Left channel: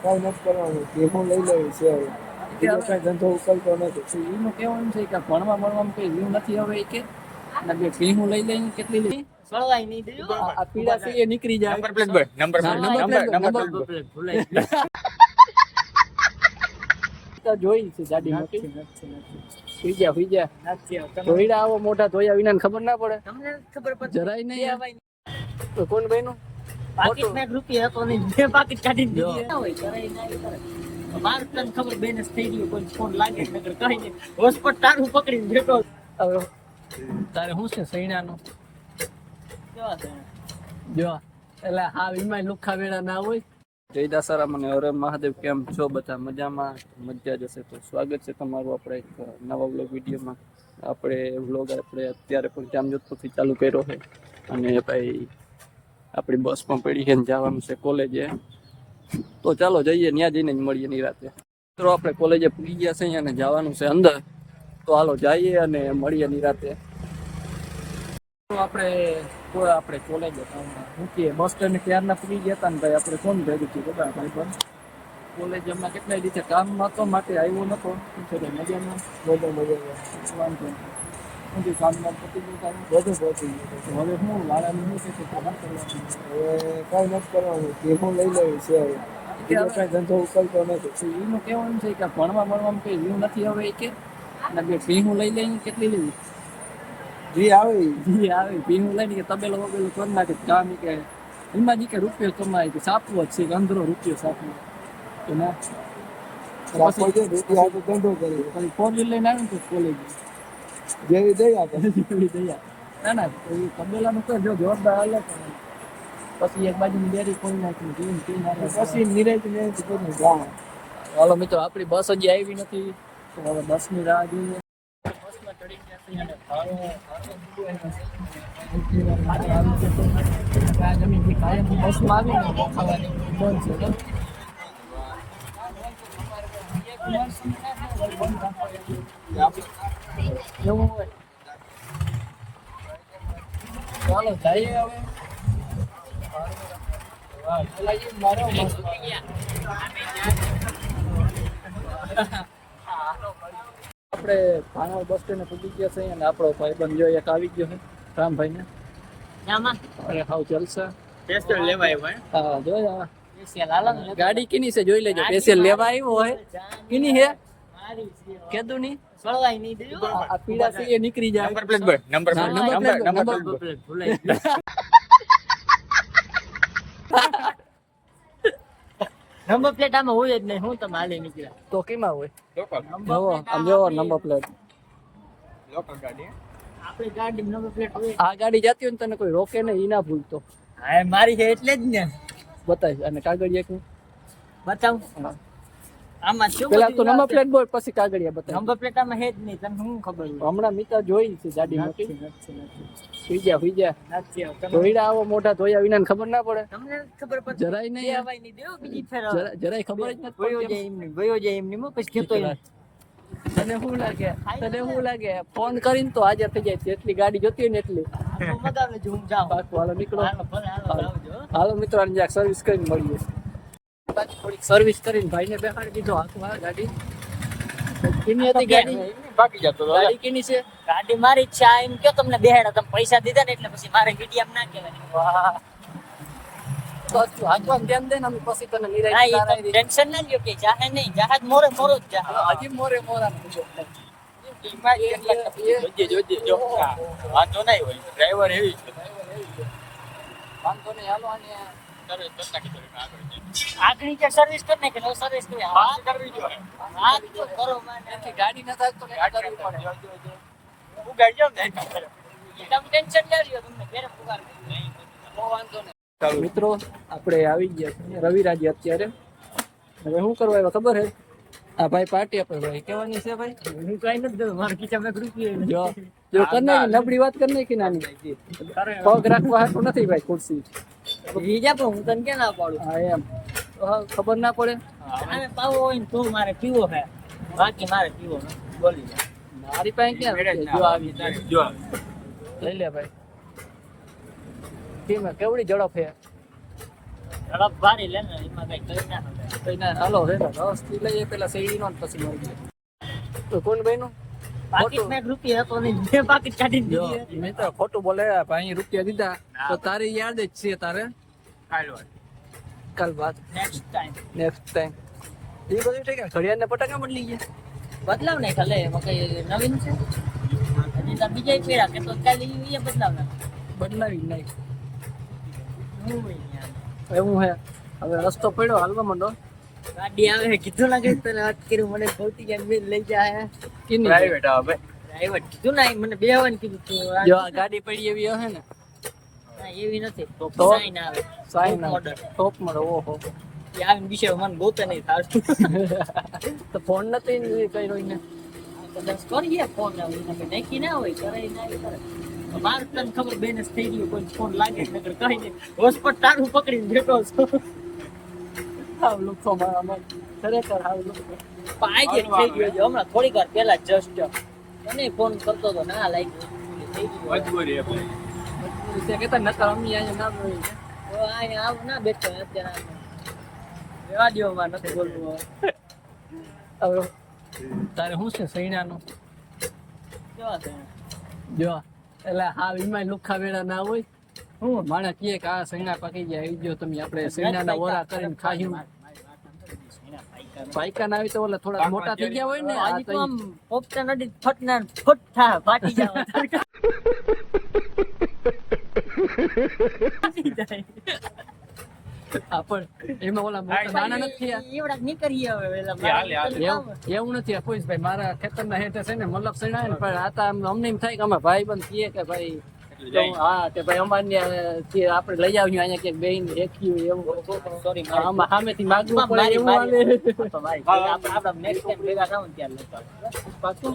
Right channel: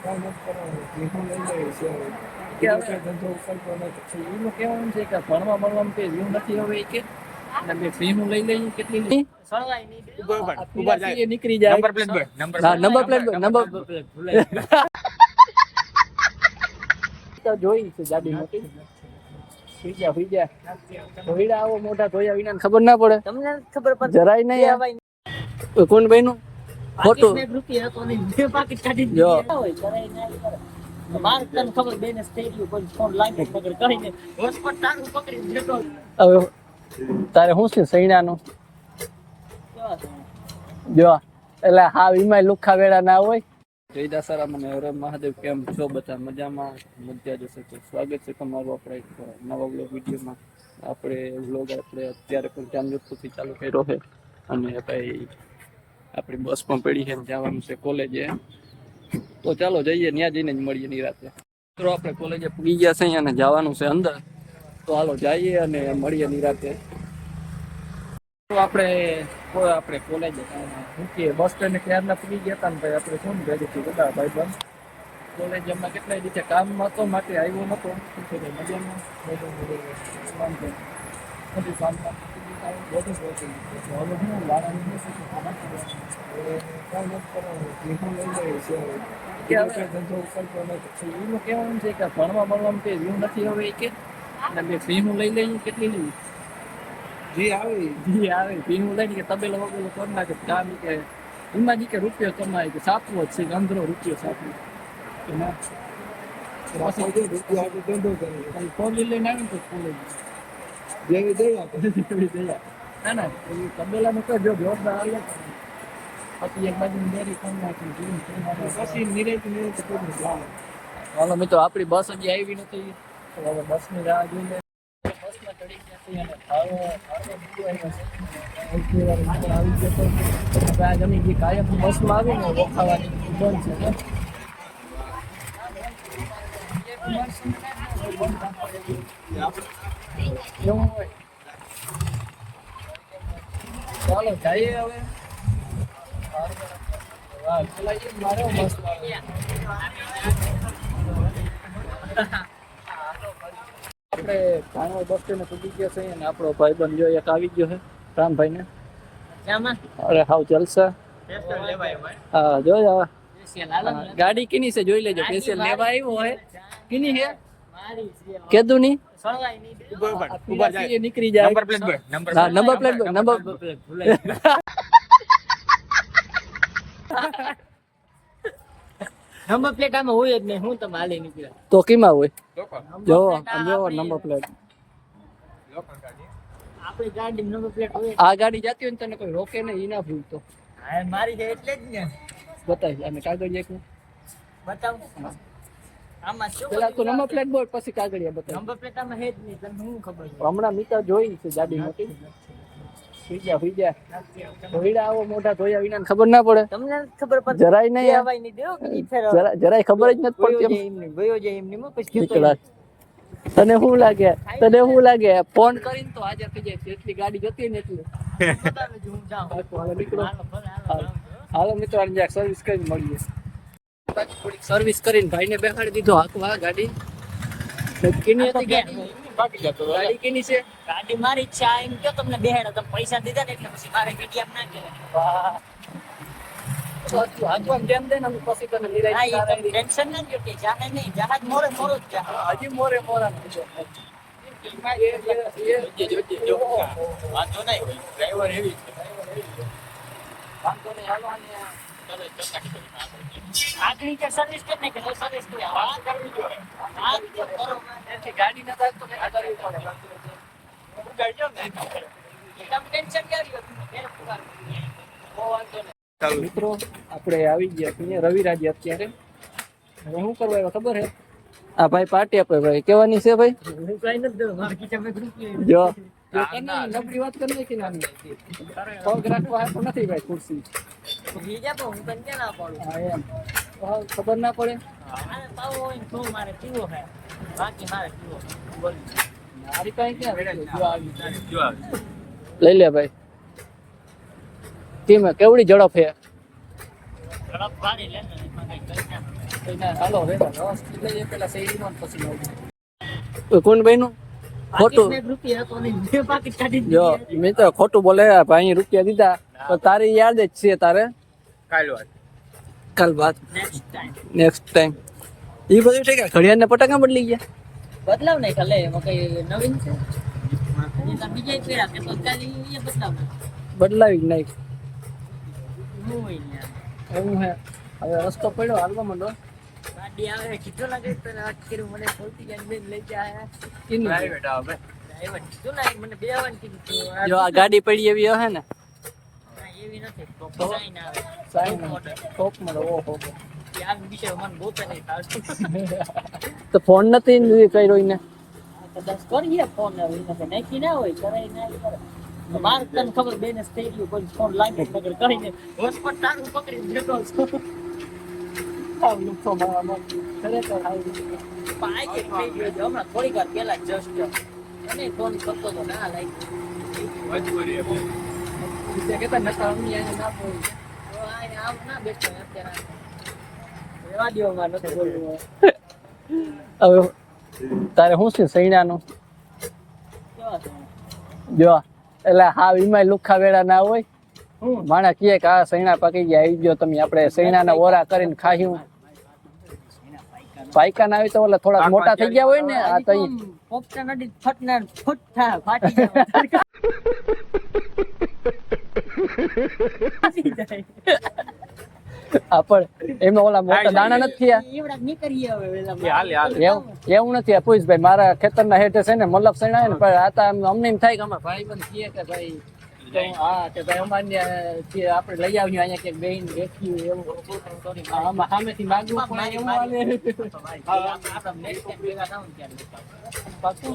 કઈ નથી કરવાનું ભેગું લઈ લેવું છે હવે ધંધો ઉકલતો નથી એનું કહેવાનું છે કે ભણવામાં કઈ વ્યૂ નથી હવે કે અને બે ભીહું લઈ લઈ કેટલી લઈ સળગાઈ નહીં દેજો આ પીડા છે એ નીકળી જાય number plate boy number plate ભૂલાઈ તો જોઈ છે ગાડી મોટી સુઈ જા ધોઈડા આવો મોટા ધોયા વિના ખબર ના પડે તમને ખબર પડે જરાય નહીં કોણ ભાઈ નું ફોટો રૂપિયા હતો નહીં બે પાકીટ કાઢી દીધા હોય કરાય ના કરે માર તને ખબર બેનસ થઈ ગયું કોઈ ફોન લાગે નગર કહી દે હોસ્પિટલ તારું પકડીને બેઠો હવે તારે શું છે સૈણાનું કેવા છે જો એટલે હા ઈમાય લુખા વેળા ના હોય જય દાસારામ અને હરે મહાદેવ કેમ છો બધા મજામાં મજા જશે તો સ્વાગત છે તમારું આપણે એક નવા વ્લોગ વિડીયોમાં આપણે વ્લોગ આપણે અત્યારે પણ જામજોધપુરથી ચાલુ કર્યો છે અને ભાઈ આપણી બસ પણ પડી છે ને જવાનું છે કોલેજે તો ચાલો જઈએ ત્યાં જઈને જ મળીએ નિરાતે તો આપણે કોલેજે પૂગી ગયા છે અને જવાનું છે અંદર તો હાલો જઈએ અને મળીએ નિરાતે તો આપણે કોલેજે મૂકીએ બસ સ્ટેન્ડ ક્યારના પૂગી ગયા હતા ને ભાઈ આપણે ફોન ભેગી હતી બધા ભાઈ બંધ કોલેજ હમણાં કેટલાય રીતે કામમાં હતો માટે આવ્યો નહોતો મજામાં વાંધો નથી કામમાં પતી ગયું બધું પહોંચી ગયું હવે હું વાળાની શું છે ખબર કરવાની કઈ નથી કરવાનું ભેગું લઈ લેવું છે હવે ધંધો ઉકલતો નથી એનું કહેવાનું છે કે ભણવામાં કઈ વ્યૂ નથી હવે કે અને બે ભીહું લઈ લઈ કેટલી લેવી જી આવે ભીહું લઈને કે તબેલો વબેલો કરી નાખે કામ કે એમાં કે રૂપિયો કમાય કે સાપવો જ છે કે અંદરો રૂપિયો સાપવો કે ના ધંધો કરે પછી ફોર વ્હીલ લઈને આવ્યું તો કોલેજ જેવી દયા જેવી દયા ના એ તબેલાનું તો જો જોરદાર હાલે પછી એક બાજુ ડેરી ખોલી નાખી પછી નિરાય જાણ હાલો મિત્રો આપણી બસ હજી આવી નથી તો હવે બસની રાહ જોઈએ બસમાં ચડી ગયા અને આ જમીન જે કાયમ બસમાં આવીને ખાવાની બંધ છે એવું હોય ચાલો જઈએ હવે આપણે ભાણો બસ સ્ટેન્ડ પૂગી ગયા છે અને આપણો ભાઈબંધ જો એક આવી ગયો છે રામભાઈ ને અરે હાવ જલસા હા જો ગાડી કીની છે જોઈ લેજો સ્પેશિયલ લેવા આવ્યો હોય કીની છે કેદું ની સળગાઈ નહીં દેજો આ પીડા છે એ નીકળી જાય number plate boy number plate ભૂલાઈ નંબર પ્લેટ આમાં હોય જ નહીં હું તમે હાલે નીકળ્યા તો કેમાં હોય જોવો આમ જોવો નંબર પ્લેટ આપણી ગાડી નંબર પ્લેટ હોય આ ગાડી જતી હોય ને તને કોઈ રોકે નહીં ઈ ના ભૂલતો હા મારી છે એટલે જ ને બતાવી અને કાગળિયા કે બતાવ આમાં શું પેલા તો નંબર પ્લેટ બોલ પછી કાગળિયા બતાવી નંબર પ્લેટ આમાં હે જ નહીં તને હું ખબર હમણાં મિત્ર જોઈ છે ગાડી મોટી સુઈ જા નથી ધોઈડા આવો મોટા ધોયા વિના ખબર ના પડે તમને ખબર પડે જરાય નહીં હવાઈ નહીં દેવો કે ફેર જરાય ખબર જ નથી પડતી ગયો જાય એમની હું પછી કહેતો તને શું લાગે ફોન કરીને તો હાજર થઈ જાય જેટલી ગાડી જોતી હોય ને એટલી પાછું હાલો નીકળો હાલો મિત્રો આને જ્યાં સર્વિસ કરીને મળીએ થોડીક સર્વિસ કરીને ભાઈને બેસાડી દીધો હાથમાં ગાડી કેની હતી ગાડી બાકી જતો ગાડી કેની છે ગાડી મારી જ છે આ એમ કે તમને બેહાડા તમે પૈસા દીધા ને એટલે પછી મારે મીડિયમ ના કે વાહ બસ તું હાથમાં ધ્યાન દે ને અમે પછી તને નિરાય ટેન્શન ના લ્યો કે જાહે નહીં જહાજ મોરે જ જાય હજી મોરે મોરા વાંધો નહીં હોય ડ્રાઈવર હેવી વાંધો નહીં હાલો અને આગળ કે સર્વિસ કરી નાખે નો સર્વિસ કરી કરવી જોઈએ એથી ગાડી ન થાય તો ને કરવી પડે હું ગાઈ જાવ ને ટેન્શન ના લ્યો તમને બહુ વાંધો નહીં મિત્રો આપણે આવી ગયા છીએ રવિરાજ અત્યારે હવે શું કરવા આવ્યા ખબર હે આ ભાઈ પાર્ટી આપે ભાઈ કેવાની છે ભાઈ હું કઈ નથી દઉં મારા ખીચામાં ગ્રુપ જો કર નાખી નબળી વાત કરી નાખી નાની પગ રાખવા હાટું નથી ભાઈ ખુરશી બીજા પણ હું તને ક્યાં ના પાડું હા એમ ખબર ના પડે આને પાવો હોય ને તું મારે પીવો હે બાકી મારે પીવો બોલી મારી પાસે ક્યાં જો આવી જો લઈ લે ભાઈ કેમ કેવડી ઝડપ હે ઝડપ ભારી લે ને એમાં કઈ કરી ના તો એના હાલો વેલા રસ થી લઈએ પેલા શેરડીનો ને પછી મળીએ. કોણ ભાઈનું ખોટું પાકીટમાં 1 રૂપિયો હતો નહીં, 2 પાકીટ કાઢી જો દીધી. મેં તો ખોટું બોલે ભાઈ રૂપિયા દીધા તો તારી યાદ જ છે તારે કાલ વાત કાલ બાદ Next time. નેક્સ્ટ ટાઈમ એ બધું ઠીક છે. ઘડિયાળ ને પટાકા બદલી ગયા બદલાવ નહીં ખાલે એમાં કઈ નવીન છે હજી તો બીજા પેડા કે તો કાલે એ બદલાવ ના બદલાવી જ નહીં હું હોય યાર. એવું હે. હવે રસ્તો પડ્યો હાલવા માંડો. ગાડી આવે કીધું લાગે તો અટકીને મને ખોટી ગયા મેં લઈ જાય કીની પ્રાઇવેટ આવે ડ્રાઈવર કીધું ના મને બેવાનું કીધું તું જો આ ગાડી પડી એવી હે ને ના, એવી નથી તો? સાઈન આવે સાઈન ટોપ મળે ઓહો એ આવીને વિશે મને ગોતે નહીં થાતું તો ફોન નથી કર્યો એને કદાચ કરીએ ફોન હવે એને કે નાખી ના હોય કરે ના ઈ કરે તો મારે તને ખબર બેલેન્સ થઈ ગયું કોઈ ફોન લાગે જ નગર કઈ નહીં હોસ્પોટ તારું પકડીને બેઠો છું હાવ લુખો મારામાં ખરેખર હાવ લુખો આજે થઈ ગયો છે હમણાં થોડીક વાર પહેલા જસ્ટ મને ફોન કરતો તો ના લાઈક મજબૂરી છે. તે કહેતા નતા અમી અહીંયા ના બોલી આમ ના બેઠો અત્યારે રેવા દ્યો માં નથી બોલવું હવે તારે શું છે સૈણાનું કેવા છે જો એટલે હાવ ઈમાય લુખા વેળા ના હોય માણા કહે કે આ સૈણા પાકી ગયા આવી ગયો તમે આપણે સૈણાના ઓરા કરીને ખાયું પાયકા ના આવી તો ઓલા થોડા મોટા થઈ ગયા હોય ને આ તો ઈ પોપટા નદી ફટના ફટ થા ફાટી જાય ફાટી જાય આપણ એમાં ઓલા મોટા દાણા નથી થયા એવડા નીકળીએ હવે વેલા એ હાલે હાલે એવું નથી આ પૂછભાઈ મારા ખેતરના હેઠે છે ને મલક સૈણા હે ને પણ આ તો અમને એમ થાય કે અમે ભાઈ બંધ કહીએ કે ભાઈ તો હા તે ભાઈ અમારે આપણે લઈ આવ્યું અહીંયા ક્યાંક બેન દેખ્યું એવું સોરી આમાં સામેથી માગવું પડે એવું હાલે પાછું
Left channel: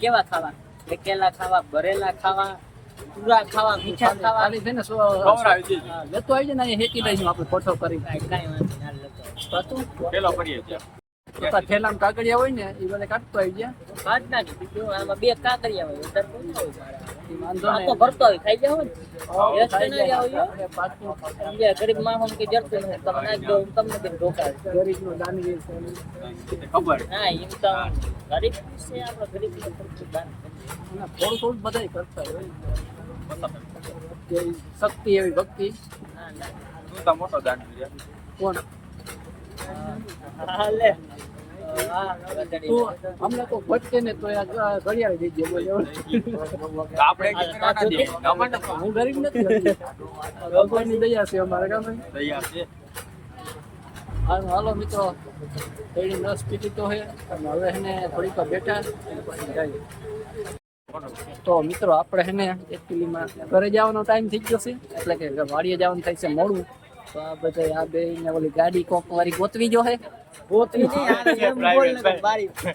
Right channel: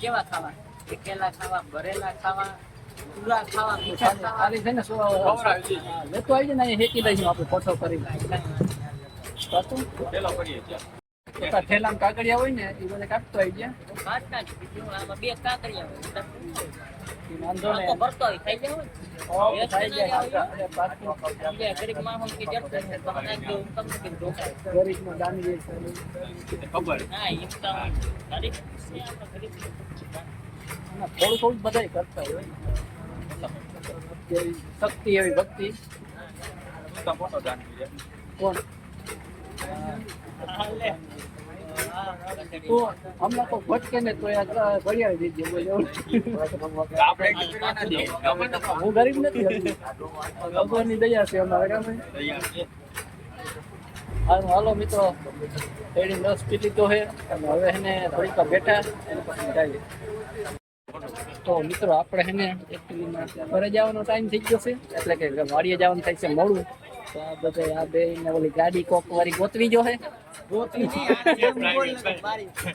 કેવા ખાવા કેલા ખાવા ભરેલા ખાવા પૂરા ખાવા મીઠા ખાવા ખાલી છે ને ખવડાવી હા, લેતો આવી જાય ને અહીંયા હેકી લઈશું આપણે ફોટો કરી પાછું પેલો કરીએ છે. તો તાર ઠેલામાં કાગળિયા હોય ને એ બધા કાઢતો આવી ગયા આમાં બે કાકડિયા હોય એ વાંધો ને ભરતો હોય ખાઈ જાવ ને ખાઈ જાય અરે પાછું બીજા ગરીબ માણસ કે જડ તમે નાખી દો તમને કેમ ઢોકાય ગરીબનો દાનવીર છે. ખબર ના એમ તો ગરીબ છે આપણે ગરીબ અને થોડું થોડું બધાય કરતા હોય એવી શક્તિ એવી ભક્તિ મોટા મોટો દાન છે. કોણ હાલે તું હમણાં તો ભટકે ને તો આ ઘડિયાળ દીજે બોલે આપણે એક કરવાના દે ખબર ને હું ગરીબ નથી હજી. ભગવાનની દયા છે અમારા ગામે. તૈયાર છે. હારું હાલો મિત્રો શેરડી રસ પી લીધો છે અને હવે એને થોડીક વાર બેઠા અને પછી જઈએ. તો મિત્રો આપણે એને એકચ્યુઅલીમાં ઘરે જવાનો ટાઈમ થઈ ગયો છે એટલે કે વાડીએ જવાનું થાય છે મોડું તો આ બધા આ બે ને ઓલી ગાડી કોક વાળી ગોતવી જો છે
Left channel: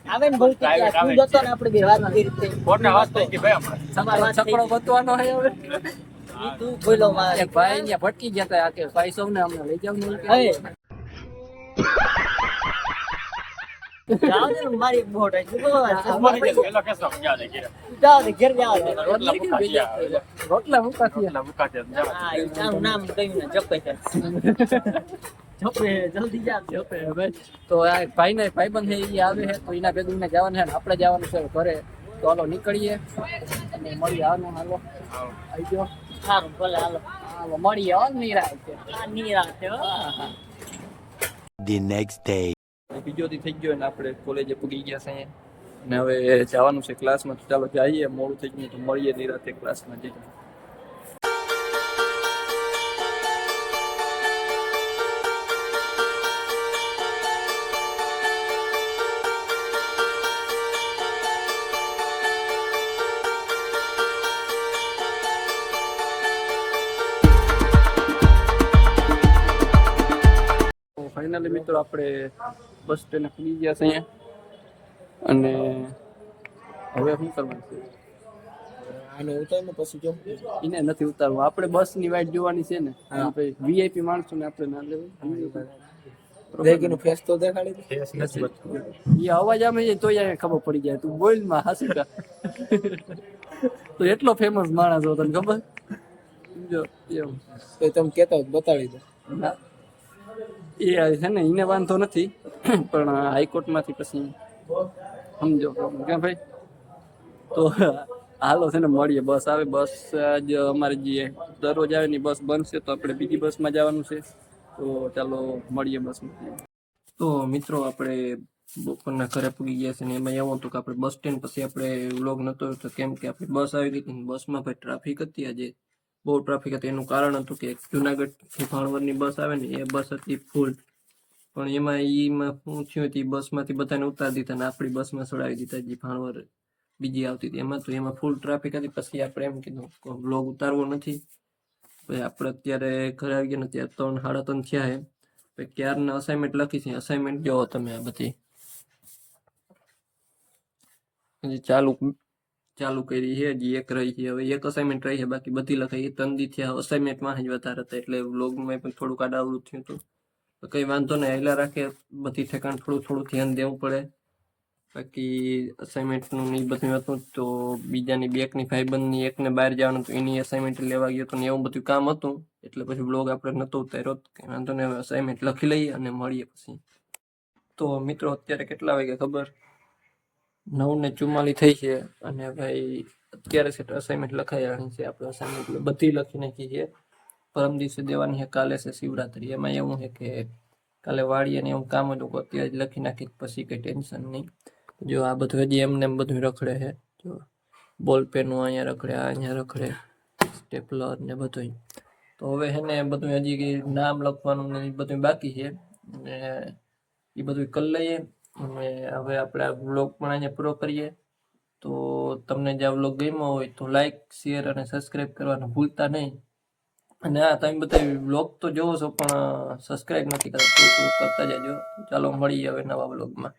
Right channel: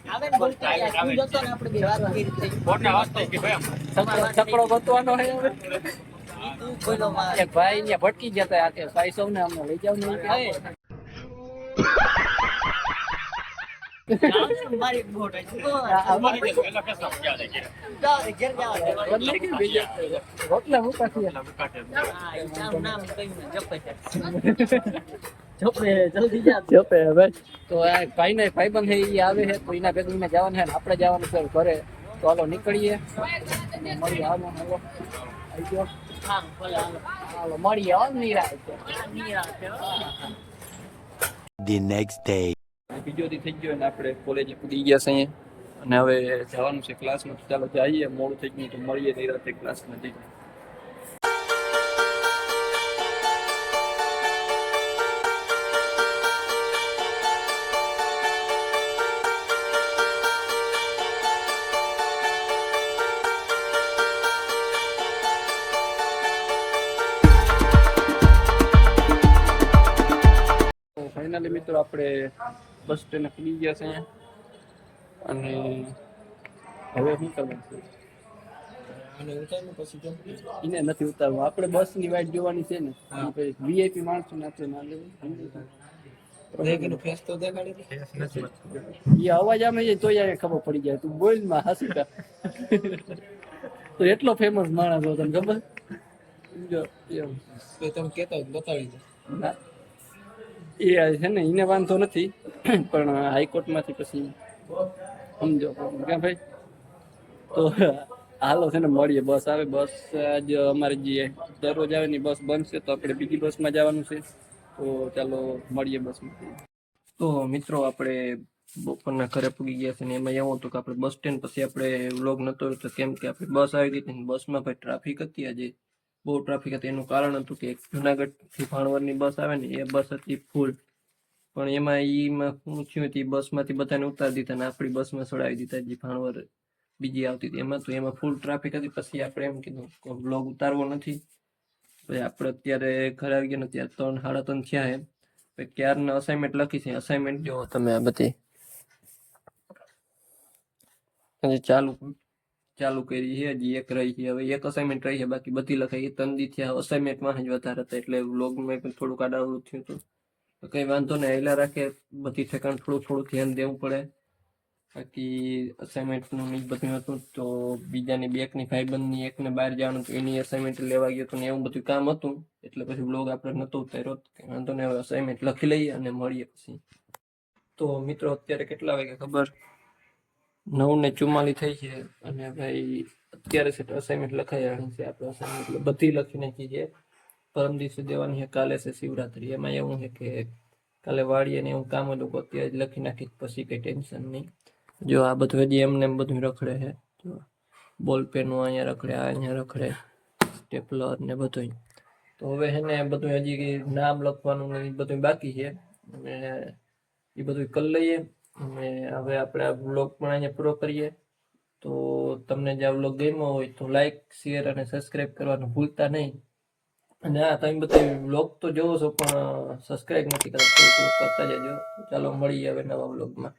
આવે ને બોલતા તું જતો ને આપણે બે વાત કરી હતી ફોનને વાત થઈ કે ભાઈ અમારે છકડો ગોતવાનો છે હવે તું બોલો માં એક ભાઈ ત્યાં ભટકી ગયા હતા આ કે ભાઈ સૌને અમને લઈ જાવ ને મારી બોટ અમારે જે પેલો કેસો ક્યાં લઈ ગયા જાઓ ઘેર જાઓ રોટલા મૂકા થયા પેલા મુકાતે હા એ નામ કહ્યું ને જપે છે જપે જલ્દી જા જોપે હવે તો આ ભાઈ ને ભાઈબંધ છે એ આવે છે તો એના ભેગું એને જવાનું છે ને આપણે જવાનું છે ઘરે તો હાલો નીકળીએ અને મળીએ હાલો હાલો આવી ગયો હા ભલે હાલો હાલો મળીએ હાલ નિરાય છે નિરાંતે હો. The next day. બીજો દી થઈ ગયો ને આપણે કોલેજે પૂગી ગયા છે અને હવે જવાનું છે ક્લાસમાં ચાલો જઈએ મોડું થઈ ગયું તો મળીએ નિરાતે ક્લાસમાં જઈએ ફાઇનલી મિત્રો આપણે બસ સ્ટેન્ડે પૂગી ગયા છે અહીંયા અને હવે શું કરવાનું છે આને ઉતારીને પછી કેમ એને નથી ઉતારવું આપણે બસની વાઈટ જોવાની છે ને વીઆઈપી માણસોને આપણે ના લેવું દેખીને ફેસ તો દેખાડી એ અવાજ આમે જાય તોય અહીંયા ખબર પડી જાય તું બોલ માં હાસીકા તો એટલો ફેમસ માણસ હતો તને ખબર જો એવું તો તમે કહેતા હોય તો બતાવી દો ના એ છે ને એને વાંધો નથી પણ હાઈકોર્ટમાંથી પછી સમજો કે ભાઈ તો હાલો છે ને મળીએ બસ આવે બસ આજ અમારે જે દરરોજ આવે ની બસ બનશે તો આપણે બીજી બસમાં જવાનું છે તો ચાલો મળીએ બસમાં. તો મિત્રો આપણે બપોરના ઘરે પૂગી ગયા છે ને એમાં એવું હતું કે આપણે બસ સ્ટેન્ડ પછી આપણે વ્લોગ નહોતો તો કેમ કે આપણી બસ આવી ગઈ હતી ને બસમાં ભાઈ ટ્રાફિક હતી આજે બહુ ટ્રાફિક હતી. એનું કારણ હતું કે એક જુનાગઢથી ભાણવડની બસ આવે ને એ બસ હતી ફૂલ પણ એમાં શું થયું હતું બસમાંથી બધાને ઉતારી દીધા ને આપણી બસમાં ચડાવી દીધા જે ભાણવડ બીજી આવતી હતી એમાં ફૂલ ટ્રાફિક હતી. પછી આપણે એમ કીધું વ્લોગ ઉતારવો નથી પછી આપણે અત્યારે ઘરે આવી ગયા ને ત્યારે 3 સાડા 3 થયા છે ક્યારના અસાઇનમેન્ટ લખી છે. અસાઇનમેન્ટ જો તમે આ બધી હજી ચાલુ કરી છે હજી એક રહી છે હવે એક અસાઇનમેન્ટ રહી છે બાકી બધી લખાઈ 3 દી થયા અસાઇનમેન્ટમાં જ વધારે હતા એટલે વ્લોગમાં પણ થોડુંક આડાવડું થયું હતું તો કંઈ વાંધો નહીં હેલા રાખે બધી ઠેકાણ થોડું ધ્યાન દેવું પડે. બાકી અસાઇનમેન્ટનું નહીં બધું હતું તો બીજાની બેકની ભાઈબંધની એકને બહાર જવાનું હતું એની અસાઇનમેન્ટ લેવા ગયો હતો ને એવું બધું કામ હતું એટલે પછી વ્લોગ આપણે નહોતો ઉતાર્યો. કંઈ વાંધો નહીં હવે અસાઇનમેન્ટ લખી લઈએ અને મળીએ પછી. તો મિત્રો અત્યારે કેટલા વાગે ખબર 9:44 થઈ છે અને ભાઈ અત્યારે છે અસાઇનમેન્ટ લખાઈ છે આપણે અસાઇનમેન્ટ બધી લખી નાખી છે. પરમ દિવસે દેવાની છે કાલે છે શિવરાત્રી એમાં એવું છે કે કાલે વાળીએ ને એવું કામ હતું અત્યારે જ લખી નાખી પછી કંઈ ટેન્શન નહીં. જો આ બધું હજી એમને એમ બધું રખડે છે જો બોલ પેનનું અહીંયા રખડે અહીંયા રખડે સ્ટેપલર ને બધું. તો હવે છે ને બધું હજી નામ લખવાનું ને બધું બાકી છે અને એ બધું કરી લઈએ અને હવે આપણે આ વ્લોગ પણ અહીંયા પૂરો કરીએ. તો તમને જે આ વ્લોગ ગમ્યો હોય તો લાઈક શેર અને સબસ્ક્રાઈબ કરવાનું ભૂલતા નહીં. અને હા તમે બધા વ્લોગ તો જોવો છો પણ સબસ્ક્રાઈબ નથી કરતા કરતા જજો. ચાલો મળીએ હવે નવા વ્લોગમાં.